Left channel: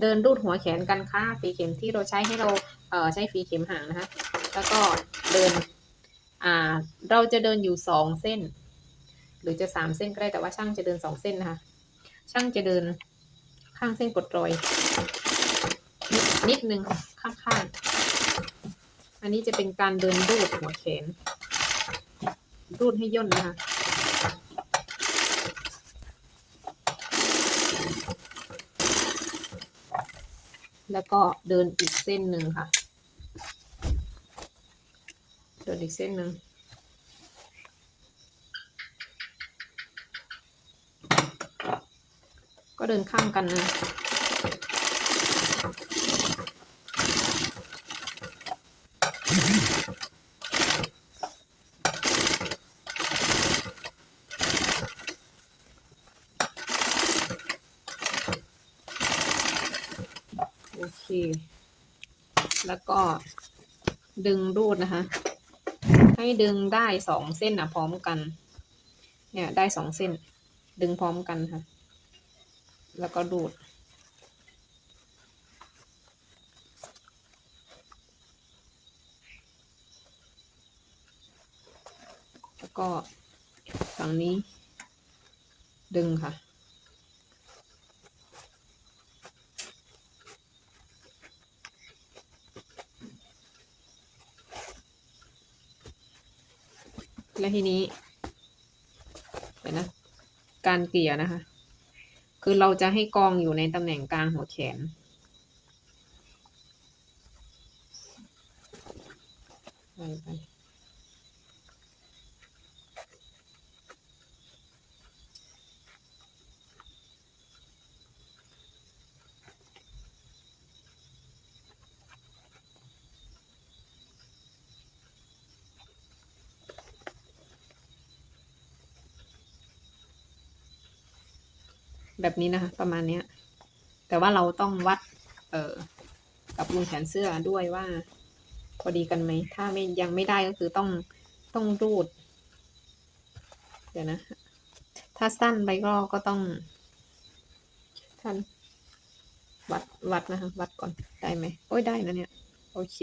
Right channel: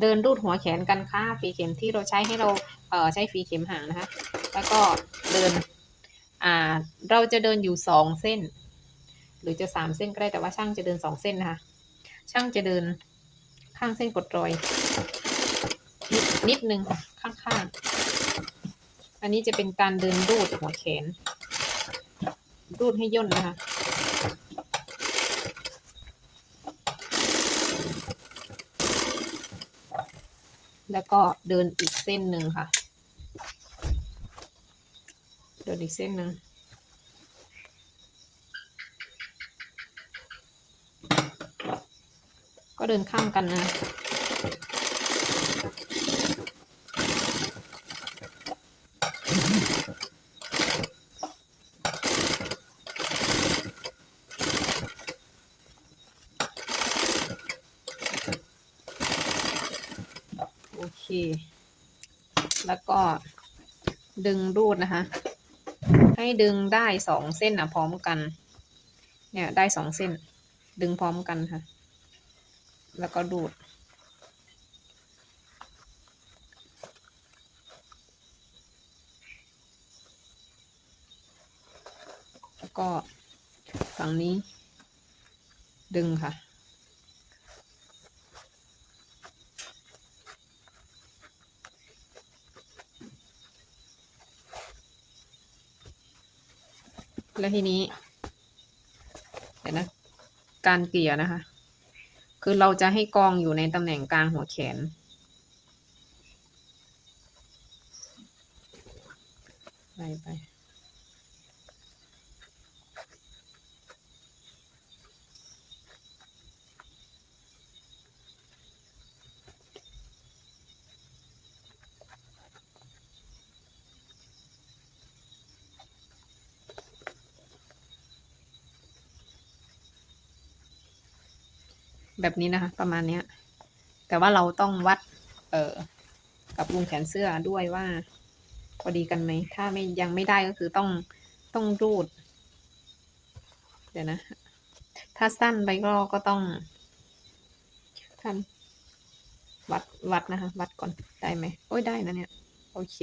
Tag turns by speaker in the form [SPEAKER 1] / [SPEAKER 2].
[SPEAKER 1] เดินรูดหัวแขนกันค่ะฝีเข็มที่เราใช้ให้เราเอ่อใช้ฝีเข็มห่างนะคะ แล้วก็เดินอ่าเราจะเดินอยู่สองเส้น หรือจะสามเส้นก็ได้แต่ว่าช่างจะเดินสองเส้นนะคะช่างจะเดินข้างเส้นกดรอย นิดนึงค่ะข้างๆ อันนี้จะเป็นการเดินรูดหัวแขน รูดให้ย่นนะคะ แล้วก็เดินอีกเส้นหนึ่งค่ะ เดินอีกเส้นหนึ่งก็เดินข้ามกันนะ แล้วก็ดึงรูดนะคะ ให้ดึงได้สองเส้นอะพร้อมกัน เนี่ยได้สองเส้น ดึงพร้อมกันค่ะ แล้วก็ดูด แล้วก็ฝั่งนี้ ดึงค่ะ แล้วทีนี้เดี๋ยวนะ การเกลี่ยนะคะ คือเราจะให้กองอยู่ในตำแหน่งกลางหัวแขน ไปไป แบบนี้นะคะ ประมาณเนี้ย แต่ว่าเราต้องวัด เออกับวงแขนเสื้อด้วยว่า พอดีกันไหม ถ้าไม่ยังไม่ได้ก็คือต้องต้องรูด เดี๋ยวนะ ถ้าสั้นไปก็ก็ต้องท่านวัดวัดนะคะ วัดก่อนได้ไหมโอ้ยได้นะเนี่ย โอเค